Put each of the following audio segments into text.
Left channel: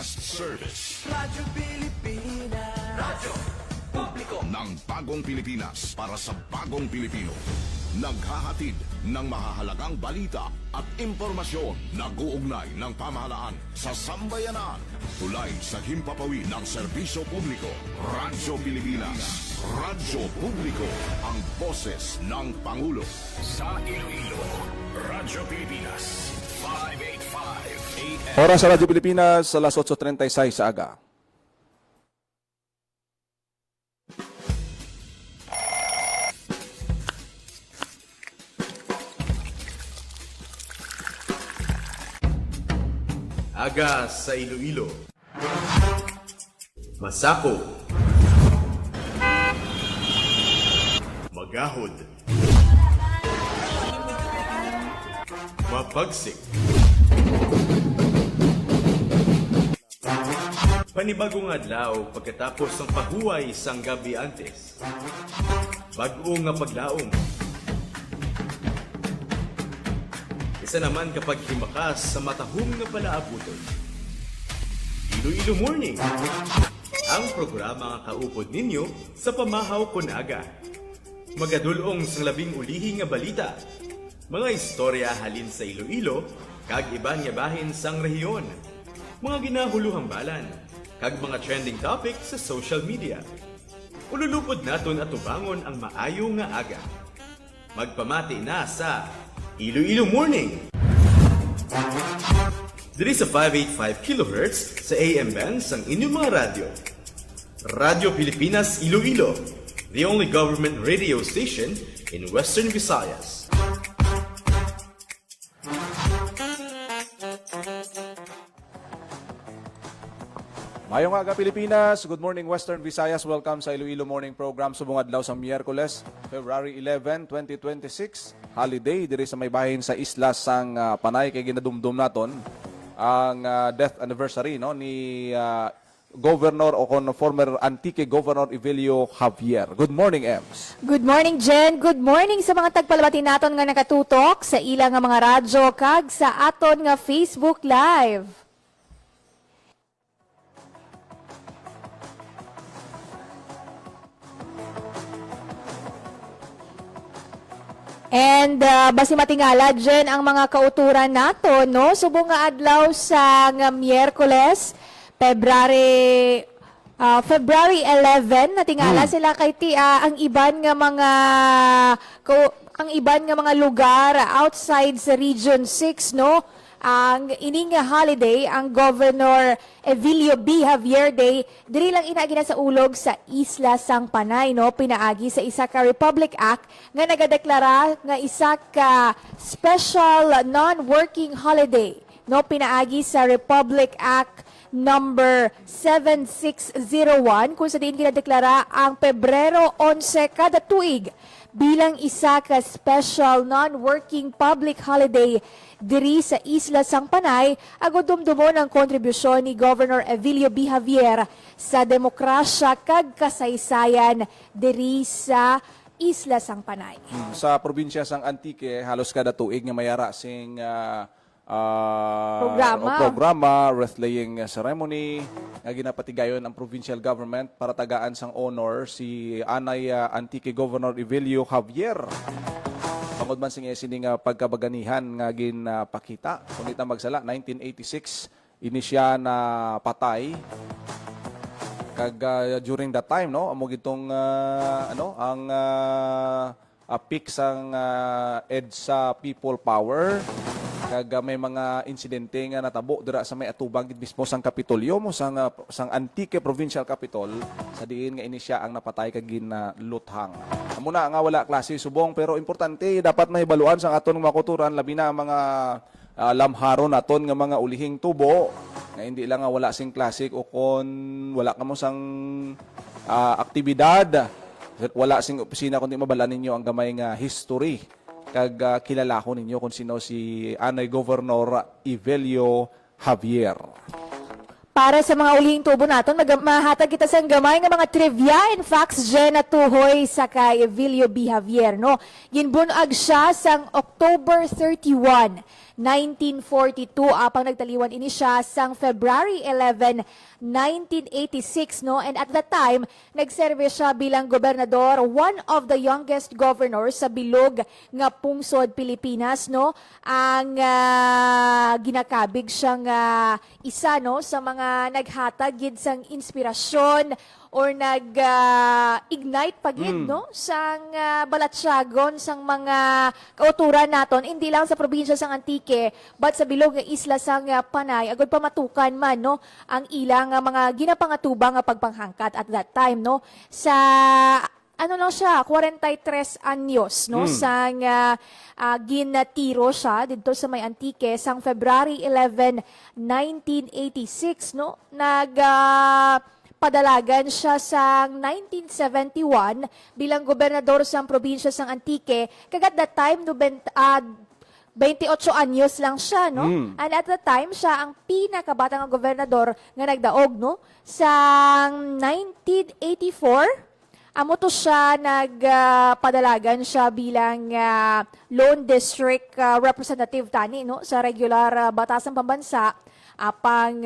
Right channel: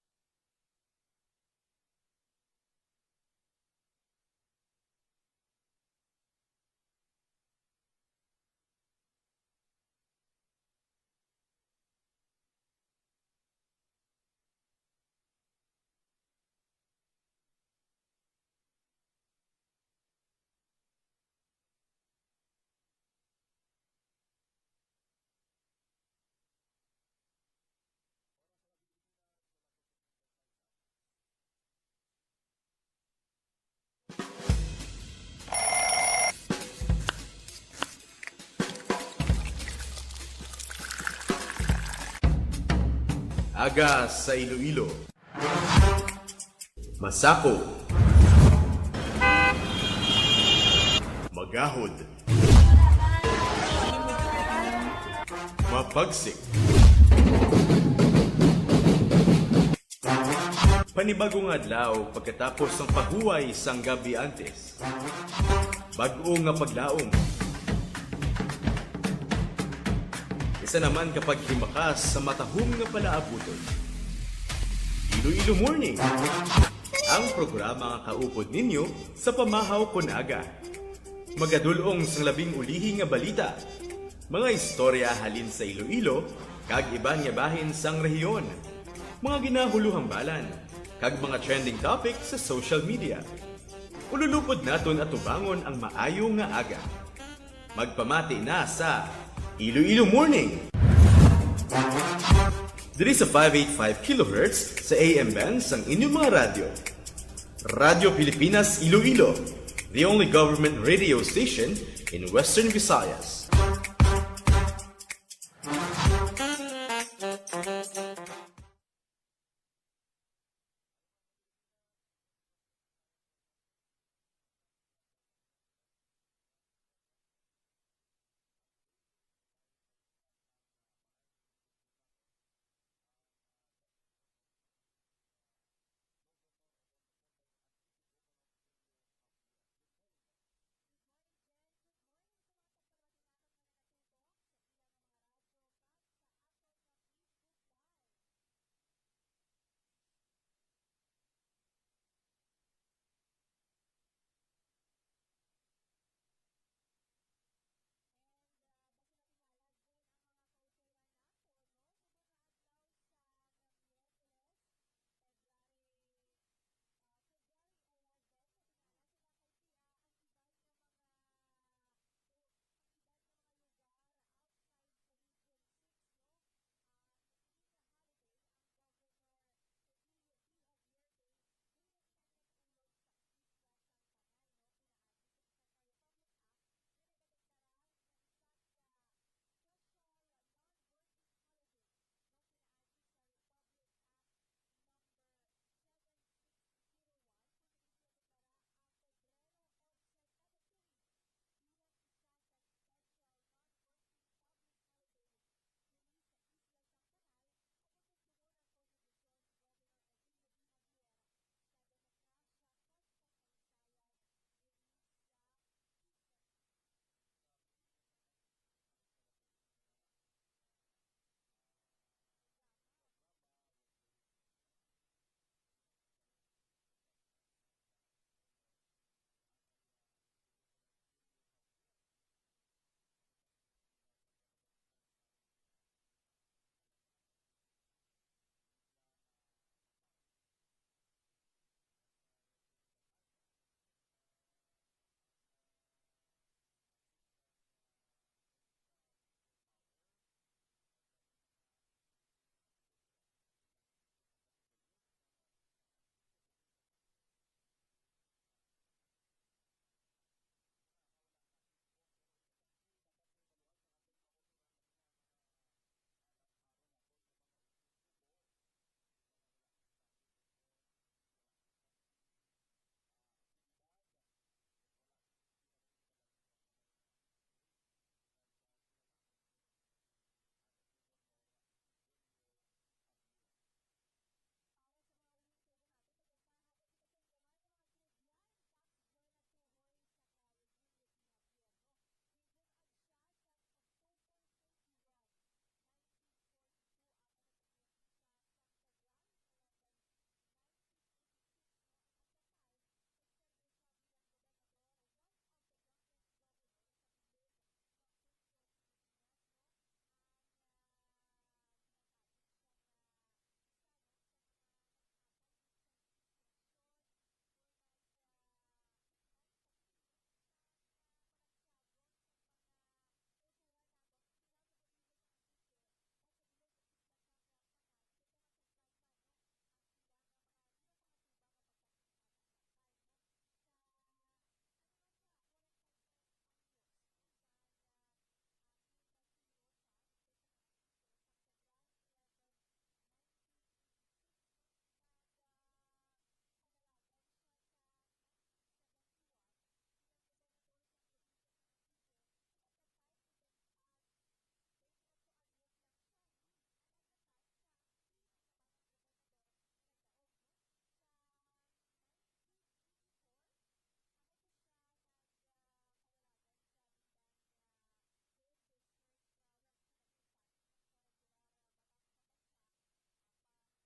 Fast service Radyo Pilipinas. Radyo Publiko ng bagong Pilipinas para sa bagong Pilipino. Naghahatid ng mahahalagang balita at impormasyon na uugnay ng pamahalaan sa sambayanan. Tulay sa himpapawid ng serbisyo publiko. Radyo Pilipinas. Radyo Publiko. Ang boses ng Pangulo. Sa Iloilo, Radyo Pilipinas. 585 AM. Oras sa Radyo Pilipinas, alas 8:36 sa aga. Aga sa Iloilo. Masako. Magahod. Mapagsik. Panibagong adlaw pagkatapos ng paghuway sang gabi antes. Bag-o nga paglaom. Isa naman kapag himakas sa matahong nga palaabuton. Iloilo Morning, ang programa nga kaupod ninyo sa pamahaw kon aga. Magadulong sa labing ulihi nga balita, mga istorya halin sa Iloilo, kag iban nga bahin sang rehiyon, mga ginahuluhang balan, kag mga trending topic sa social media. Ululupod naton at tubangon ang maayo nga aga. Magpamati na sa Iloilo Morning. Diri sa 585 kHz sa AM bands ang inyong mga radyo. Radyo Pilipinas Iloilo, the only government radio station in Western Visayas. Mayong aga Pilipinas, good morning Western Visayas. Welcome sa Iloilo Morning Program subong adlaw sa Miyerkules, February 11, 2026. Holiday diri sa may bahin sa isla sang Panay kay ginadumdum naton ang death anniversary no ni Governor o former Antique Governor Evelio Javier. Good morning, Ems. Good morning, Jen. Good morning sa mga tagpalabati naton nga nakatutok sa ilang nga mga radyo kag sa aton nga Facebook Live. And basi matingala dyan ang mga kauturan nato, no? Subong nga adlaw sa nga Miyerkules, February 11, natingala sila kay ang iban nga mga lugar outside sa Region 6, no? Ang ining holiday, ang Governor Evelio B. Javier Day, diri lang inaagi na sa ulog sa Isla Sang Panay, no? Pinaagi sa isa ka Republic Act nga nagadeklara nga isa ka special non-working holiday, no? Pinaagi sa Republic Act number 7601 kung sa diin ginadeklara ang Pebrero 11 kada tuig bilang isa ka special non-working public holiday diri sa Isla Sang Panay, agud dumdumo ng kontribusyon ni Governor Evelio B. Javier sa demokrasya kag kasaysayan diri sa Isla Sang Panay. Sa probinsya sang Antique, halos kada tuig nga mayara sing programa, wreath-laying ceremony nga ginapatigayon ang provincial government para tagaan sang honor si Anay Antique Governor Evelio Javier. Pangod man sing sining pagkabaganihan nga ginapakita. Kunita magsala 1986 ini siya na patay. Kag during that time no amo gitong ang peak sang EDSA People Power. Kag may mga insidente nga natabo dira sa may atubang mismo sang Kapitolyo mo sang Antique Provincial Capitol sa diin nga ini siya ang napatay kag ginluthang. Amo na nga wala klase subong pero importante dapat mahibaluan sang aton mga kulturan labi na mga lamharon naton nga mga ulihing tubo nga hindi lang nga wala sing klasik o kon wala kamo sang aktibidad wala sing opisina kundi mabala ninyo ang gamay nga history kag kilala ko ninyo kung sino si Anay Governor Evelio Javier. Para sa mga ulihing tubo naton, mahatag kita sa gamay nga mga trivia and facts dyan na tuhoy sa kay Evelio B. Javier, no? Ginbunag siya sang October 31, 1942 apang nagtaliwan ini siya sang February 11, 1986 no, and at that time nagserve siya bilang gobernador, one of the youngest governors sa bilog nga pungsod Pilipinas no. Ang ginakabig siyang isa no sa mga naghatag gid sang inspirasyon or nag-ignite pagid no sang balatsyagon sang mga kauturan naton hindi lang sa probinsya sang Antique but sa bilog nga isla sang Panay agud pa matukan man no ang ilang mga ginapangatubang nga pagpanghangkat at that time no sa ano lang siya 43 anyos no sang ginatiro siya dito sa may Antique sang February 11, 1986 no padalagan siya sa 1971 bilang gobernador sa probinsya sang Antique. Kagat that time, 28 anyos lang siya, no? And at that time, siya ang pinakabatang gobernador nga nagdaog, no? Sa 1984, amo to siya nagpadalagan siya bilang Lone District Representative tani, no? Sa regular batasang pambansa. Apang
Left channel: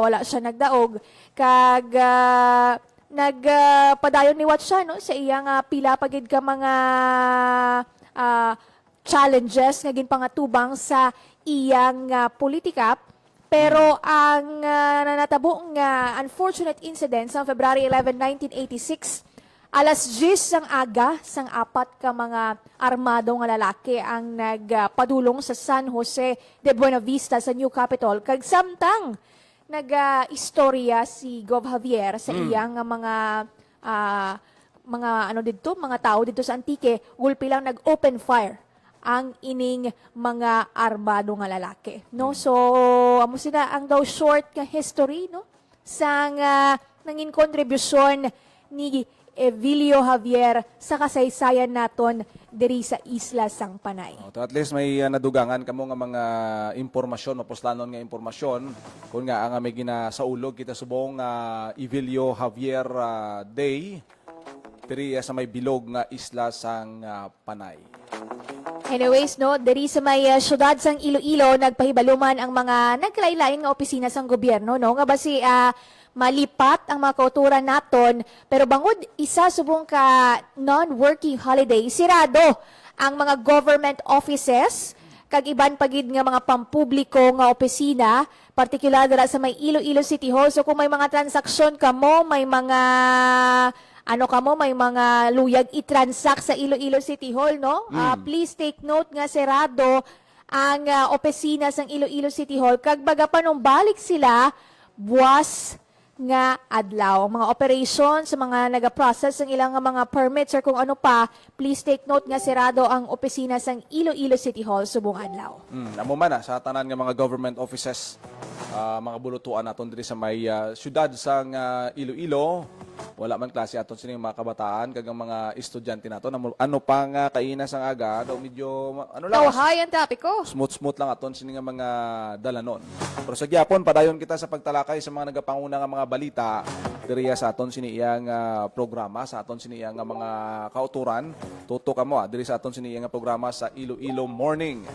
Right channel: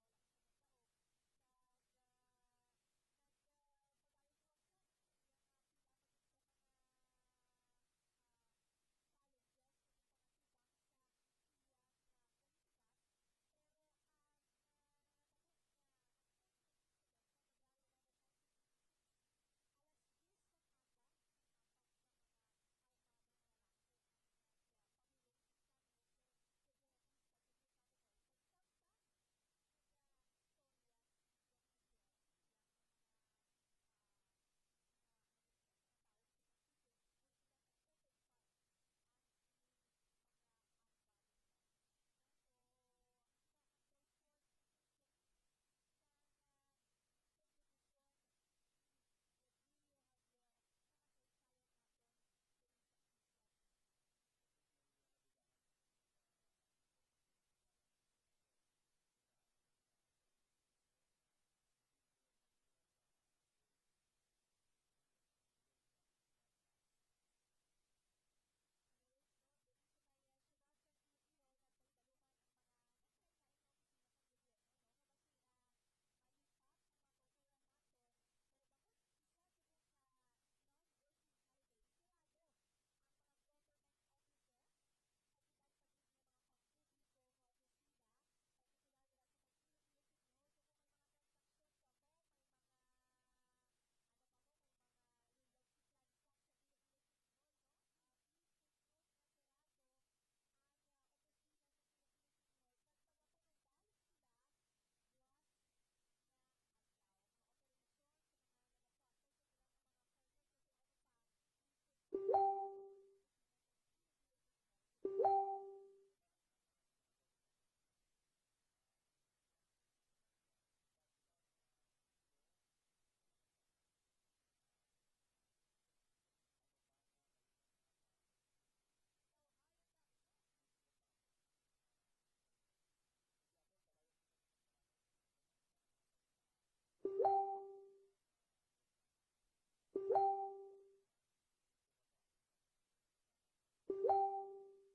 wala siya nagdaog kag nagpadayon ni what siya no sa iyang pila pagid ka mga challenges nga ginpangatubang sa iyang politika pero ang nanatabo nga unfortunate incident sa February 11, 1986 alas 10 sang aga sang apat ka mga armado nga lalaki ang nagpadulong sa San Jose de Buena Vista sa New Capitol kag samtang nag-istorya si Gov Javier sa iyang mga ano dito, mga tao dito sa Antique, gulpi lang nag-open fire ang ining mga armado nga lalaki. No? So, amo sila ang daw short nga history no sang nangin kontribusyon ni Evilio Javier sa kasaysayan naton diri sa isla sang Panay. To at least may nadugangan kamo nga mga impormasyon, mapuslanon nga impormasyon kung nga ang may ginasaulog kita subong Evilio Javier Day diri sa may bilog nga isla sang Panay. Anyways, no, diri sa may syudad sang Iloilo nagpahibaluman ang mga nagkalain-lain nga opisina sang gobyerno, no, nga basi malipat ang mga kauturan naton pero bangod isa subong ka non-working holiday sirado ang mga government offices kag iban pagid nga mga pampubliko nga opisina partikular dira sa may Iloilo City Hall so kung may mga transaksyon kamo may mga may mga luyag i-transact sa Iloilo City Hall no please take note nga sirado ang opisina sang Iloilo City Hall kag baga pa nung balik sila buwas nga adlaw. Mga operation sa mga naga-process ng ilang mga permits or kung ano pa, please take note nga sirado ang opisina sang Iloilo City Hall subong adlaw. Amo man sa tanan nga mga government offices, mga bulutuan naton diri sa may syudad sang Iloilo, wala man klase aton sining mga kabataan kag ang mga estudyante naton ano pa nga kainas ang aga daw medyo ano lang Tawhay ang tapiko. smooth lang aton sining nga mga dalanon. Pero sa gyapon padayon kita sa pagtalakay sa mga nagapanguna nga mga balita diriya sa aton siniyang programa sa aton siniyang mga kauturan tuto kamo diri sa aton siniyang programa sa Iloilo Morning.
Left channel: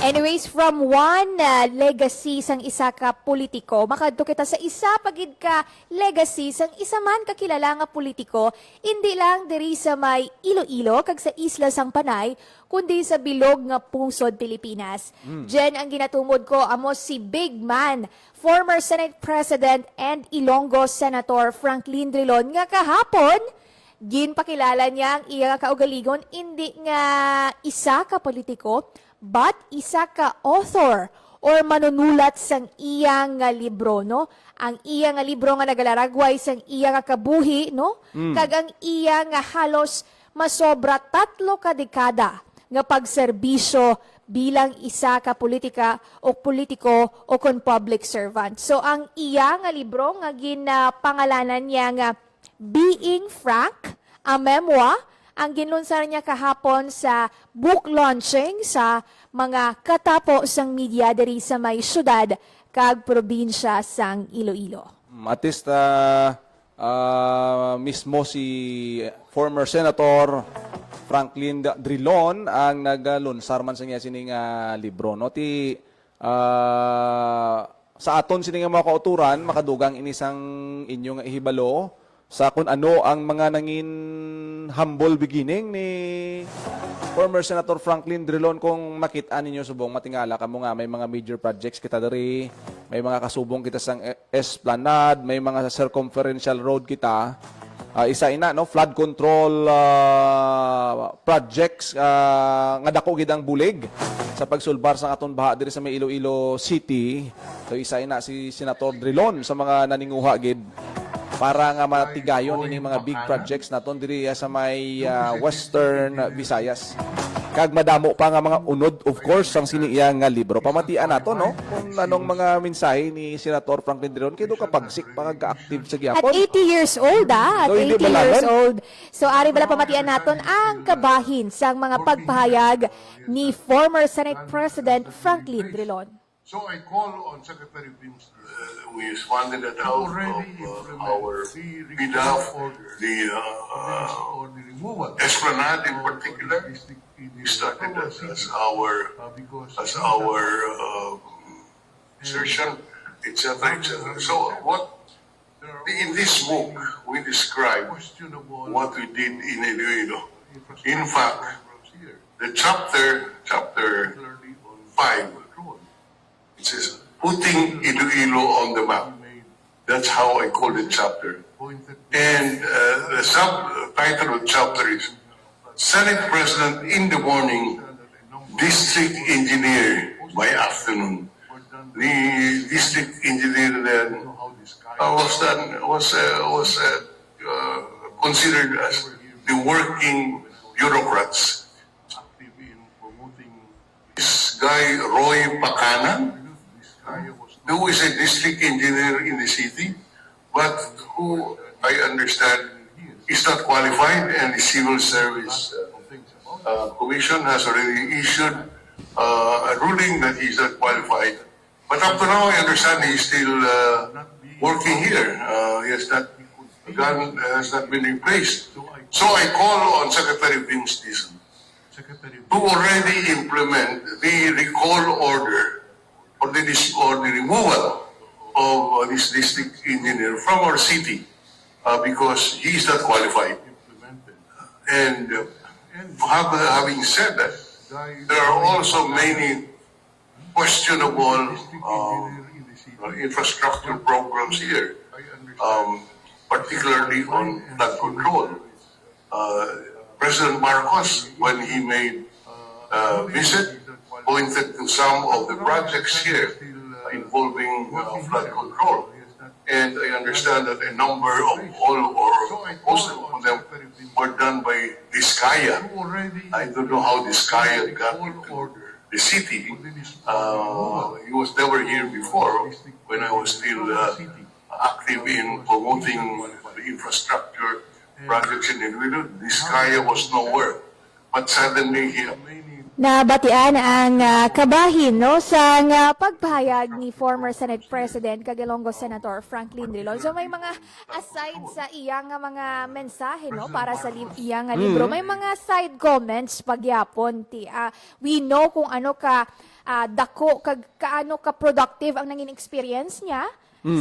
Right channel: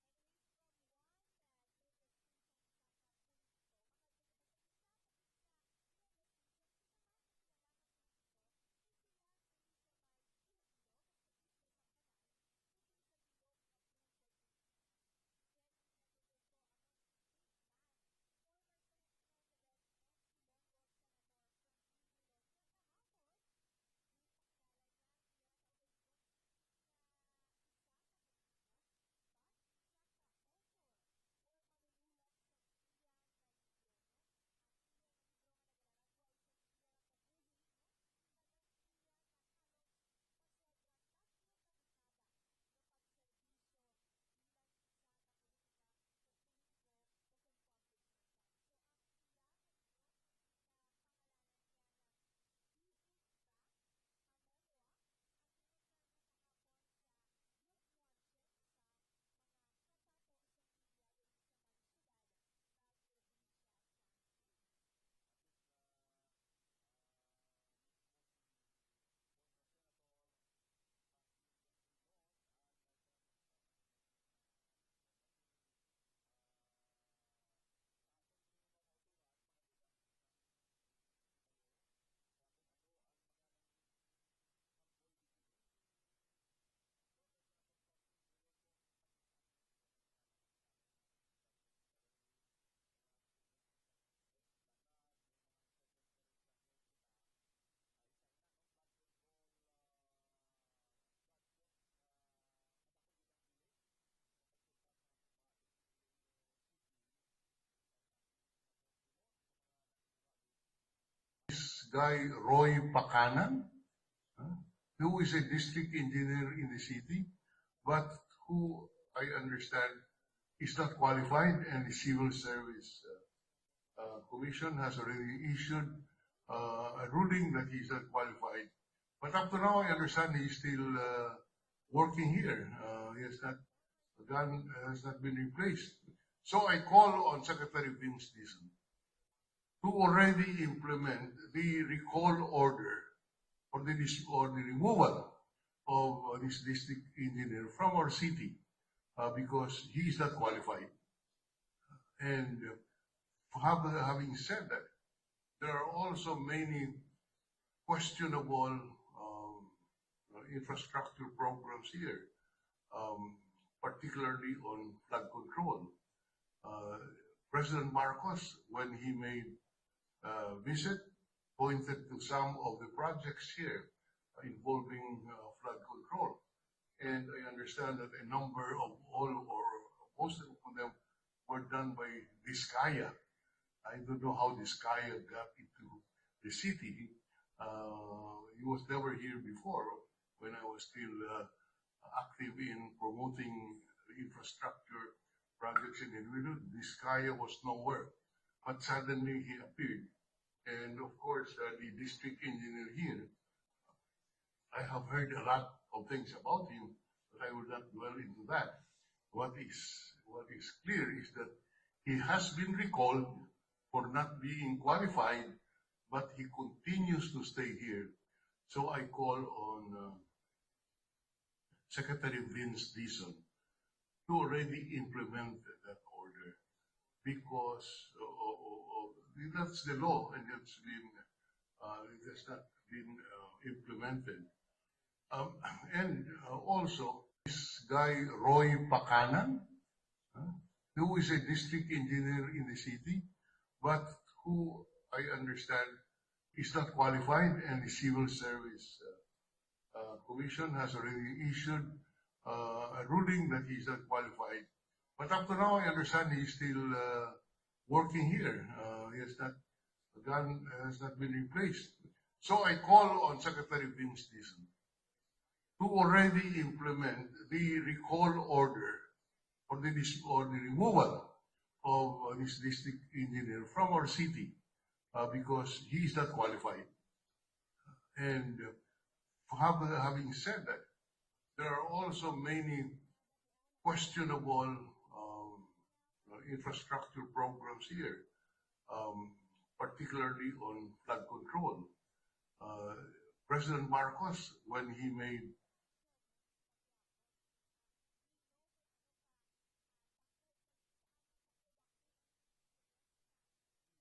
Anyways, from one legacy sang isa ka politiko, makadto kita sa isa pagid ka legacy sang isa man kakilala nga politiko, hindi lang diri sa may Iloilo kag sa isla sang Panay, kundi sa bilog nga pungsod Pilipinas. Diyan ang ginatumod ko amo si Big Man, former Senate President and Ilonggo Senator Franklin Drilon nga kahapon ginpakilala niya ang iya kaugaligon hindi nga isa ka politiko but isa ka author or manunulat sang iyang nga libro no ang iya nga libro nga nagalaragway sang iya nga kabuhi no kag ang iya nga halos masobra 3 ka dekada nga pagserbisyo bilang isa ka politika o politiko o kon public servant. So ang iya nga libro nga ginapangalanan niya nga Being Frank, a memoir, ang ginlunsar niya kahapon sa book launching sa mga katapo sang media diri sa may syudad kag probinsya sang Iloilo. Mismo si former Senator Franklin Drilon ang naglunsar man sa niya sining libro. No? Sa aton sining mga kauturan, makadugang inisang inyong ihibalo sa kung ano ang mga nangin humble beginning ni former Senator Franklin Drilon. Kung makita ninyo subong matingala kamo nga may mga major projects kita diri, may mga kasubong kita sang Esplanade, may mga circumferential road kita. Isa ina no flood control projects nga dako gid ang bulig sa pagsulbar sa aton baha diri sa may Iloilo City. So isa ina si Senator Drilon sa mga naninguha gid para nga matigayon ini mga big projects naton diri sa may Western Visayas. Kag madamo pa nga mga unod of course ang siniya nga libro. Pamatian nato no kung anong mga mensahe ni Senator Franklin Drilon kay do kapagsik pagka-active sa At gyapon. 80 years old, At So, hindi 80 years balagan? old. So, ari bala pamatian naton ang kabahin sa mga pagpahayag ni former Senate President Franklin Drilon. So I call on Secretary Vince We responded at to already implement our the behalf, recall order the or the removal Esplanade in of particular the district engineer started from our as city our because as he's our not- assertion, etc. Having So said what there are in this also book many we describe questionable what we did in Iloilo. infrastructure In fact, programs here, the chapter particularly on 5, control. it says putting Iloilo on the map. He made That's how I call the chapter. pointed And the subtitle of the chapter is Senate President in the morning, District Engineer by afternoon. The district engineer then how this guy was considered as the working bureaucrats. active in promoting This guy Roy Pacana, this guy was who is a district engineer in the city, but who I understand is not qualified, and the civil service of things about commission has already issued a ruling that he's not qualified. But up to now, I understand he's still working here. He has not has not been replaced. So I call on Secretary Vince Dizon Secretary to already implement the recall order or the removal of this district engineer from our city because he is not qualified. implemented. And having said that, Guy there are Roy also Pacana, many questionable district engineer in the city. infrastructure programs here, I understand. particularly on flood control. President Marcos, when he made visit, pointed to some of the projects here involving flood control. And I understand that a number of most of them were done by Vizcaya. I don't know how Vizcaya got order the city. for the removal He was never here before when I was still active in promoting the infrastructure projects in Iloilo. Vizcaya was nowhere. But suddenly here, Nabatian ang kabahin no sa pagpahayag ni former Senate President Kagalongo Senator Franklin Drilon. So may mga aside sa iyang mga mensahe no para sa iyang libro, may mga side comments pagyapon we know kung ano ka dako kaano ka productive ang nanging experience niya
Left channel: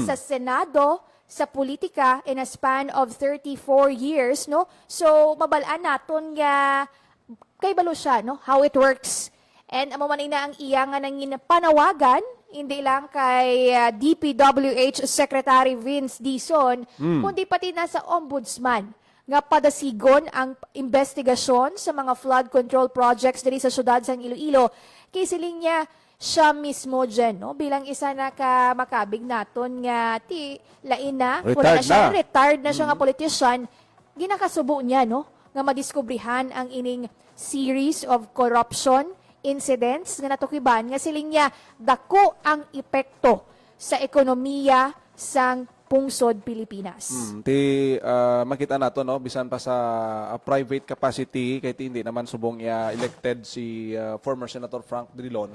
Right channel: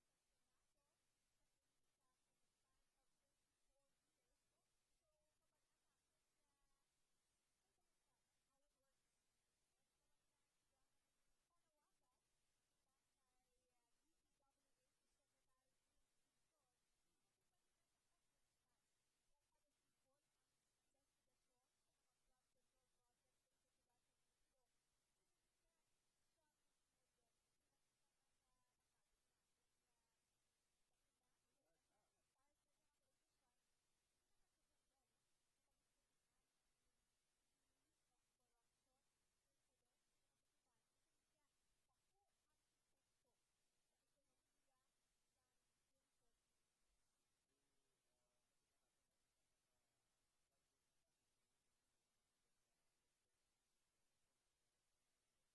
sa Senado, sa politika in a span of 34 years no. So mabalaan naton nga kay balo siya, no? How it works. And amo man na ang iya nga nangin panawagan, hindi lang kay DPWH Secretary Vince Dizon, kundi pati na sa Ombudsman nga padasigon ang investigasyon sa mga flood control projects diri sa syudad sa Iloilo. Kay siling niya siya mismo dyan, no? Bilang isa na ka makabig naton nga lain na, retired na siya nga politician, ginakasubo niya, no? Nga madiskubrihan ang ining series of corruption incidents nga natukiban nga siling niya dako ang epekto sa ekonomiya sang pungsod Pilipinas. Makita nato no bisan pa sa private capacity kay hindi naman subong iya elected si former Senator Frank Drilon.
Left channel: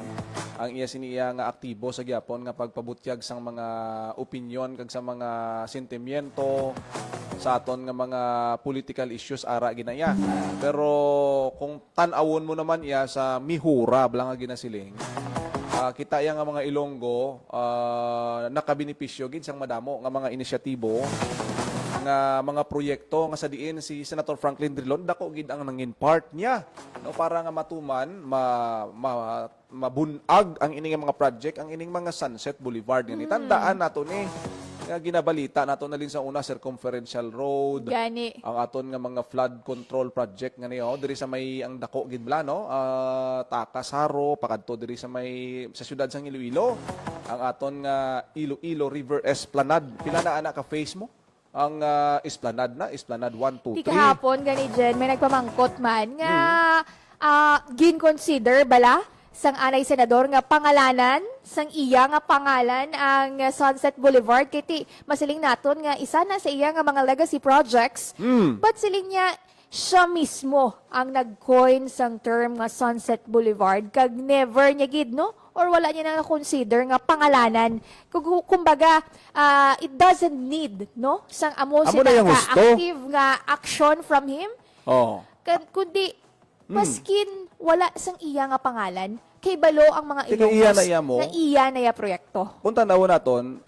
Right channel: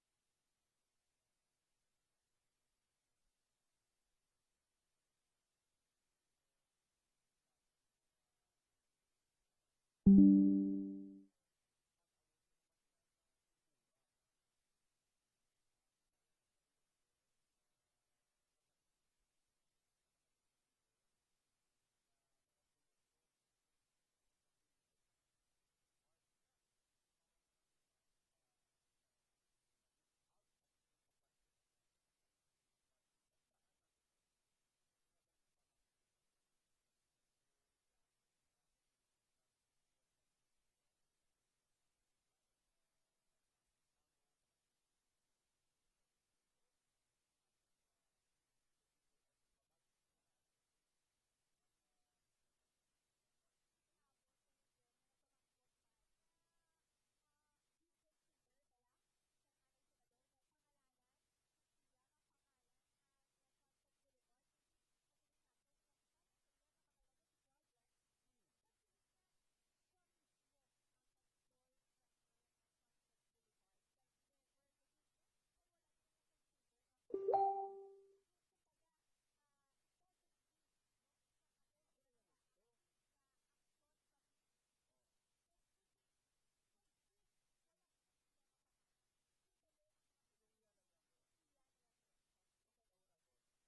Ang iya siniya nga aktibo sa gyapon nga pagpabutyag sang mga opinion kag sa mga sentimiento sa aton nga mga political issues ara ginaya. Pero kung tan-awon mo naman iya sa mihura blang nga ginasiling, kita yang nga mga Ilonggo nakabenepisyo gid sang madamo nga mga inisyatibo nga mga proyekto nga sa diin si Senator Franklin Drilon dako gid ang nangin part niya no para nga matuman mabunag ang ining mga project ang ining mga Sunset Boulevard nga tandaan nato ni nga ginabalita nato na din sa una circumferential road Gani. ang aton nga mga flood control project nga niyo diri sa may ang dako gid bla no Takas Haro pakadto diri sa may sa syudad sang Iloilo ang aton nga Iloilo River Esplanade pila na ana ka face mo ang Esplanade 1 2 Di 3 kahapon gani Jen, may nagpamangkot man nga gin-consider bala sang anay senador nga pangalanan sang iya nga pangalan ang Sunset Boulevard kiti masiling naton nga isa na sa iya nga mga legacy projects. But siling niya siya mismo ang nag-coin sang term nga Sunset Boulevard kag never niya gid no or wala niya na consider nga pangalanan kumbaga it doesn't need no sang amo Amo sila na yung ka gusto. active nga action from him oh kundi maskin wala sang iya nga pangalan kay balo ang mga Kaya iya Ilocos na iya mo. na iya na iya proyekto. Kung tanaw naton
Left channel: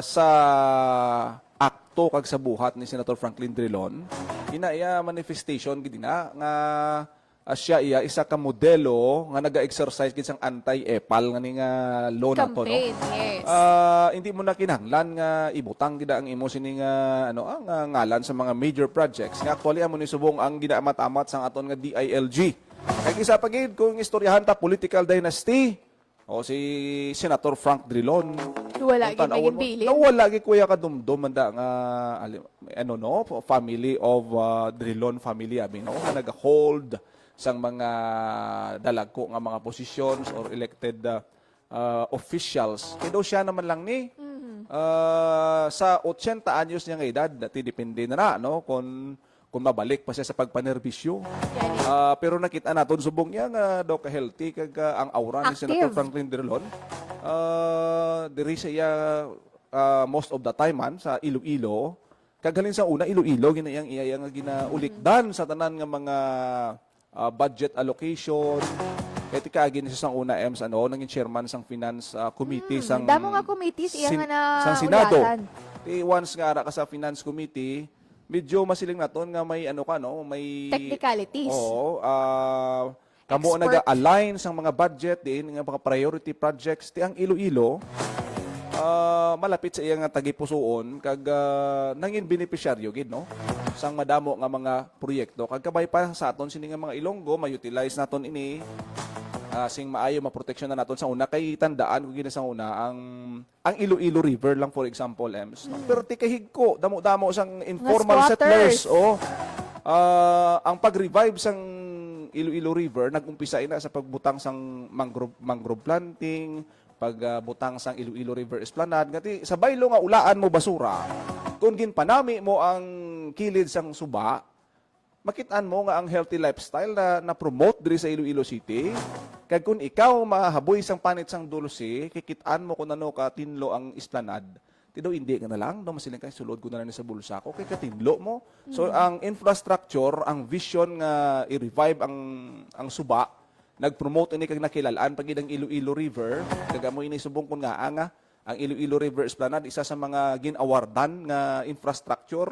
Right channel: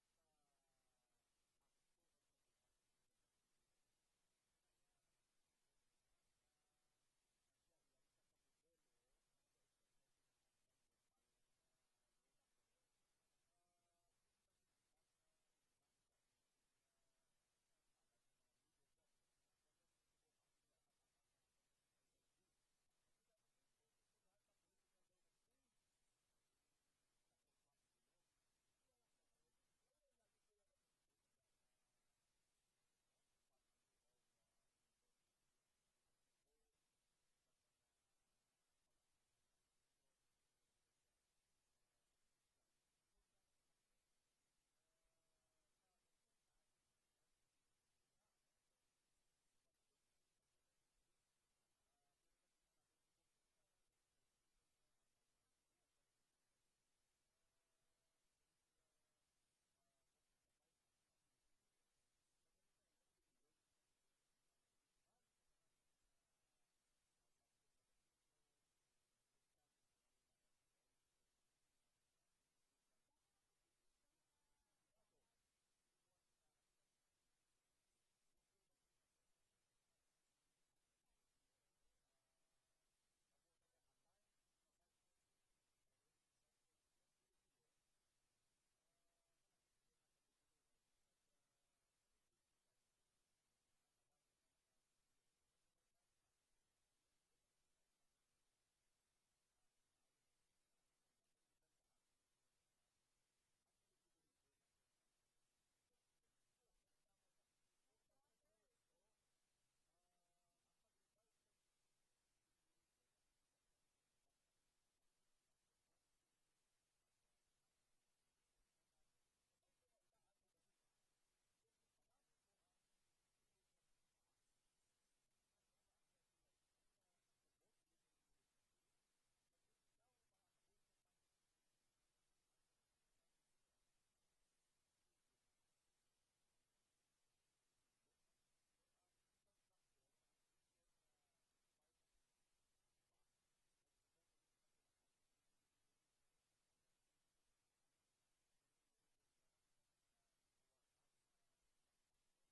sa akto kag sa buhat ni Senator Franklin Drilon, ina iya manifestation gid na nga siya iya isa ka modelo nga naga-exercise gid sang anti-epal nga ni nga law nato no. Campaign, yes. Hindi mo na kinahanglan nga ibutang gid ang imo sini nga ang ngalan sa mga major projects nga actually amo ni subong ang ginaamat-amat sang aton nga DILG. Kaya isa pa gid kung istoryahan ta political dynasty o si Senator Frank Drilon. Wala gid Kung tanawon mo, may bilin. nawala gid kuya ka dumdum manda nga family of Drilon family abi no nga naga-hold sang mga dalagko nga mga positions or elected officials. Kaya daw siya naman lang ni sa 80 anyos niya nga edad, dati depende na no kung mabalik pa siya sa pagpanerbisyo. Pero nakita naton subong niya nga daw ka healthy kag ang aura ni Senator Active. Franklin Drilon. Diri siya most of the time man sa Iloilo. Kaghalin sa una Iloilo ginayang iya nga ginaulikdan sa tanan nga mga budget allocation. Kaya kaagi ni sa una EMS naging chairman sang finance committee sang Damo nga committees iya nga na sang Senado. ulatan. Once nga ara ka sa finance committee, medyo masiling naton nga may may Technicalities. Oo, kamo Expert. naga-align sang mga budget din nga mga priority projects ti ang Iloilo. Malapit sa iya nga tagipusoon kag nangin beneficiaryo gid no sang madamo nga mga proyekto kag kabay pa sa aton sini nga mga Ilonggo ma-utilize naton ini sing maayo maproteksyon na naton sa una kay tandaan ko gina sa una ang Iloilo River lang for example EMS no? Pero ti kahigko damo-damo sang informal squatters. settlers ang pag-revive sang Iloilo River nag-umpisa ina sa pagbutang sang mangrove planting pagbutang sang Iloilo River Esplanade ngati sa baylo nga ulaan mo basura kung ginpanami mo ang kilid sang suba makitaan mo nga ang healthy lifestyle na promote diri sa Iloilo City. Kag kung ikaw mahaboy sang panit sang dulce, kikitaan mo kung ano ka tinlo ang Esplanade. Tido hindi ka na lang, no masiling kay sulod ko na lang sa bulsa ko kay katinlo mo. So ang infrastructure, ang vision nga i-revive ang suba, nag-promote ini kag nakilalaan pag ang Iloilo River, kag amo ini subong kun nga ang Iloilo River Esplanade isa sa mga gin-awardan nga infrastructure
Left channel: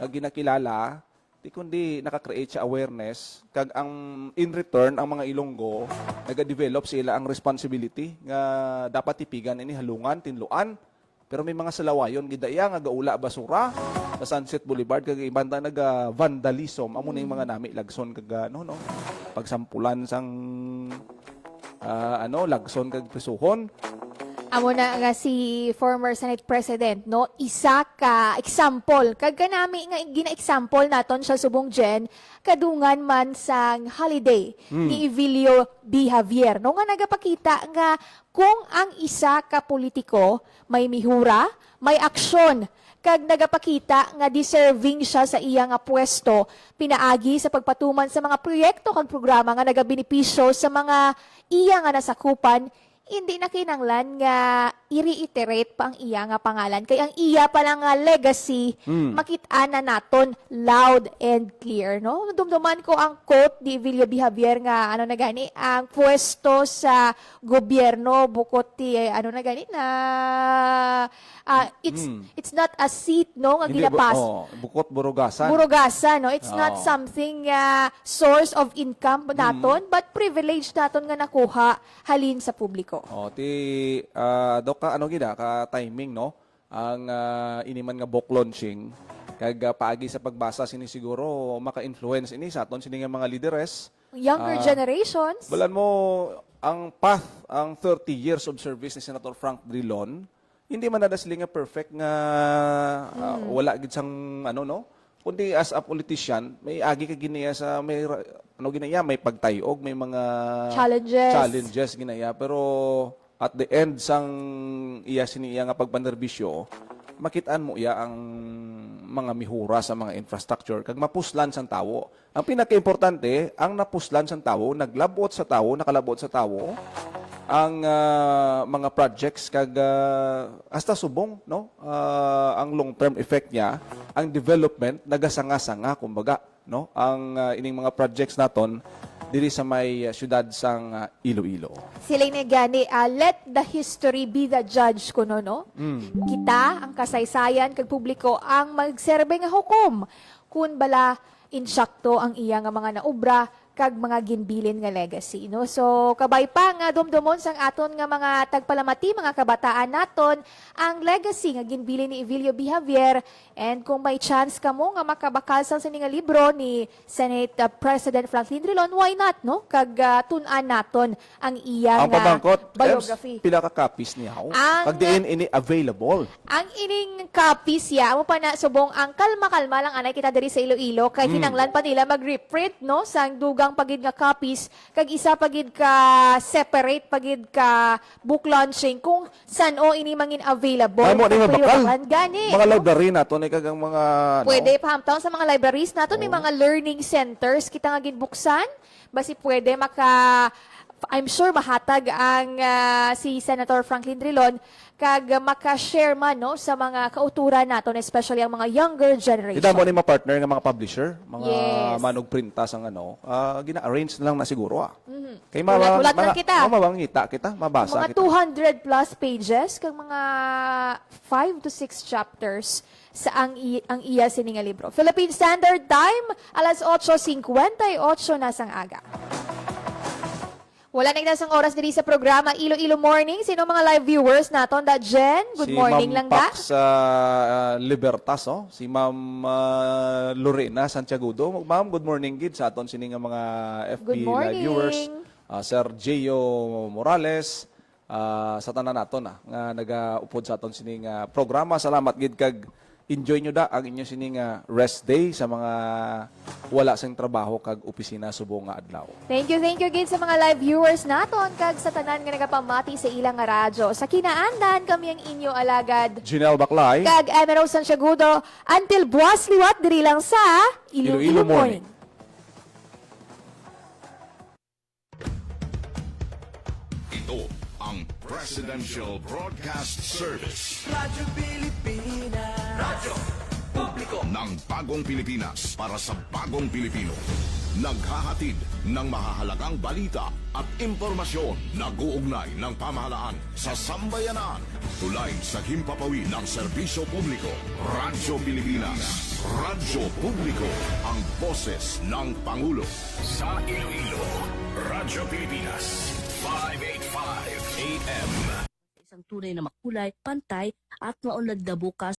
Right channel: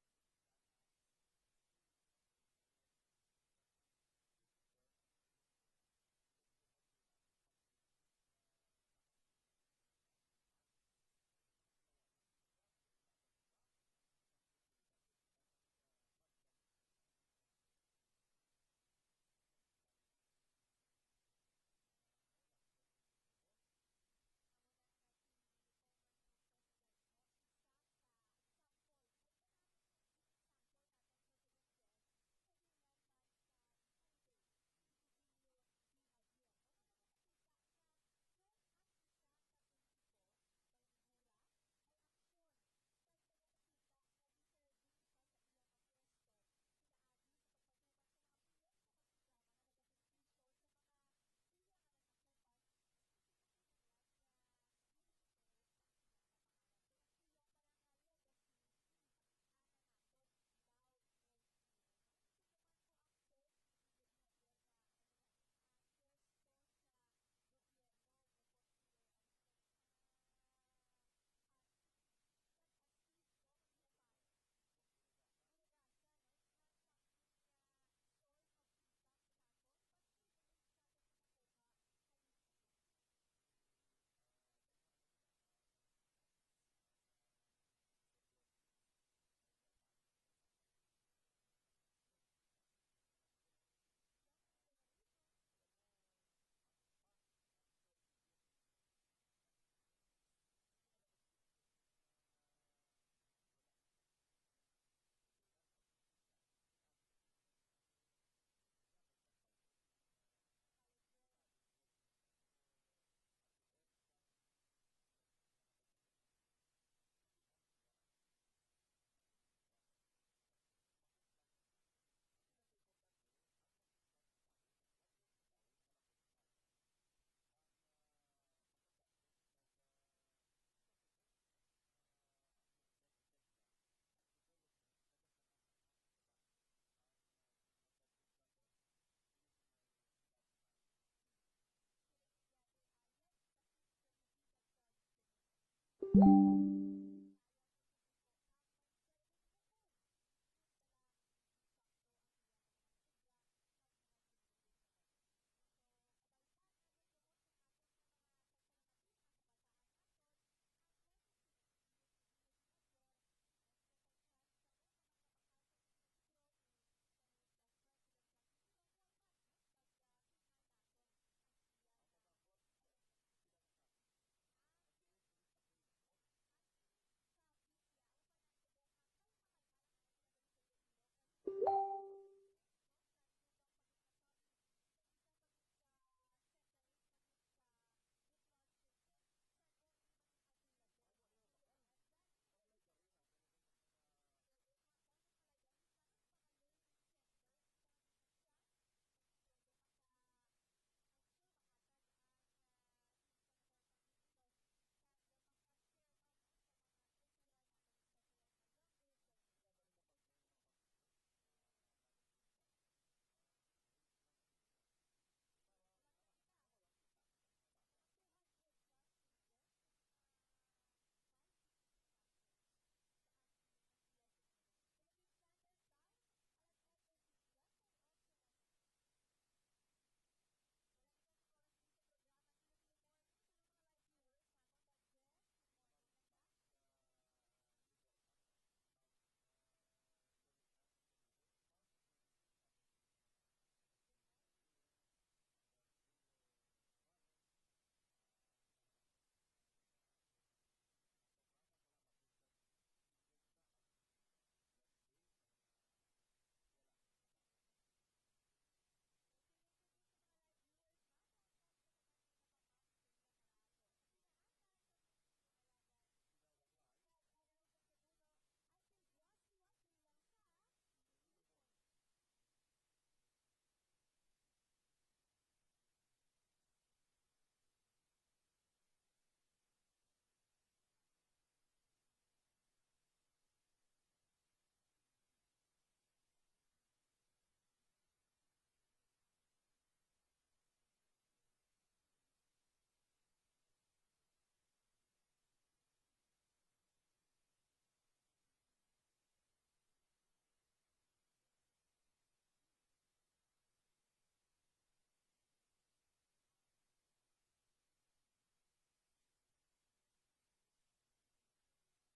nga ginakilala di kundi naka-create siya awareness kag ang in return ang mga Ilonggo naga-develop sila ang responsibility nga dapat tipigan ini halungan tinluan pero may mga salawayon gidaya nga gaula basura sa Sunset Boulevard kag ibanda naga vandalism amo na yung mga nami lagson kag pagsampulan sang lagson kag prisuhon. Amo na nga si former Senate President, no? Isa ka example. Kag kanami nga gina-example naton sa subong Jen, kadungan man sang holiday ni Evilio B. Javier. No nga nagapakita nga kung ang isa ka politiko may mihura, may aksyon, kag nagapakita nga deserving siya sa iya nga pwesto pinaagi sa pagpatuman sa mga proyekto kag programa nga nagabenepisyo sa mga iya nga nasakupan. Hindi na kinanglan nga i-reiterate pa ang iya nga pangalan. Kaya ang iya pa lang nga legacy, makita na naton loud and clear. No? Dumduman ko ang quote ni Evilio B. Javier nga, ano na gani, ang pwesto sa gobyerno, bukod ti, ano na gani, na it's not a seat, no, nga Hindi, ginapas. bukot burugasan. Burugasa, no? It's not Oo. something source of income naton, but privilege naton nga nakuha halin sa publiko. Dok, ano gina, ka timing, no? Ang iniman nga book launching, kag paagi sa pagbasa sini siguro maka-influence ini sa aton sini nga mga leaderes. Younger generations. Balan mo ang path, ang 30 years of service ni Senator Frank Drilon, hindi man nada sila nga perfect nga wala gid sang ano, no? Kundi as a politician, may agi ka ginaya sa may ano ginaya, may pagtayog, may mga challenges ginaya, pero at the end sang iya siniya nga pagpanerbisyo, makitaan mo iya ang mga mihura sa mga infrastructure kag mapuslan sang tawo. Ang pinaka-importante, ang napuslan sang tawo, nakalabot sa tawo ang mga projects kag hasta subong, no? Ang long-term effect niya, ang development nagasanga-sanga kumbaga, no? Ang ining mga projects naton diri sa may syudad sang Iloilo. Sila ni gani, let the history be the judge kuno, no? Kita, ang kasaysayan, kag publiko, ang magserbe nga hukom. Kun bala, insakto ang iya nga mga naubra, kag mga ginbilin nga legacy, no? So, kabay pa nga dumdumon sang aton nga mga tagpalamati, mga kabataan naton, ang legacy nga ginbilin ni Evilio B. Javier. And kung may chance ka mo nga makabakal sa nga libro ni Senate President Franklin Drilon, why not, no? Kag tun-an naton ang iya Ang nga pabangkot, biography. pila ka copies niya. Ang- Kag diin ini available. Ang ining copies ya, mo pa na subong ang kalma-kalma lang anay kita diri sa Iloilo kay kinanglan pa nila mag-reprint, no, sang dugang pagid nga copies kag isa pagid ka separate pagid ka book launching kung saan o ini mangin available. Ay mo ni Kung mabakal. pwede gani. Mga no? library nato ni kagang mga Pwede pahamtaon sa mga libraries naton, may mga learning centers kita nga ginbuksan. Basi pwede I'm sure mahatag ang si Senator Franklin Drilon kag maka-share man, no, sa mga kauturan naton, especially ang mga younger generation. Kita mo ni mga partner nga mga publisher, mga Yes. manog printas ang ano, gina-arrange na lang na siguro Kay Ulat-ulat lang kita. mabangita kita, mabasa Mga kita. 200 plus pages kag mga 5 to 6 chapters sa ang iya sininga libro. Philippine Standard Time, alas 8:58 na sang aga. Wala na sang oras diri sa programa Iloilo Morning. Sino mga live viewers naton? Da Jen, good morning lang da. Si Ma'am Pax Libertas, si Ma'am Lorena Santiagudo. Ma'am, good morning gid sa aton sini nga mga FB Good live morning. viewers. Sir Gio Morales, sa tanan naton nga nagaupod sa aton sini nga programa. Salamat gid kag enjoy nyo da ang inyo sini nga rest day sa mga wala sang trabaho kag opisina subong nga adlaw. Thank you gid sa mga live viewers naton kag sa tanan nga nagapamati sa ilang nga radyo. Sa kinaandan kami ang inyo alagad Janelle Baclay, kag Emerald Santiagudo until buwas liwat diri lang sa Iloilo Iloilo Morning. Morning. Ito ang Presidential Broadcast Service Radyo Pilipinas. Radyo Publiko. ng Bagong Pilipinas para sa Bagong Pilipino. Naghahatid ng mahahalagang balita at impormasyon na guugnay ng pamahalaan sa sambayanan. Tulay sa himpapawid ng serbisyo publiko. Radyo Pilipinas. Radyo Publiko. Ang boses ng Pangulo. Sa Iloilo, Radyo Pilipinas, 585 AM. Isang tunay na makulay, pantay at maunlad na bukas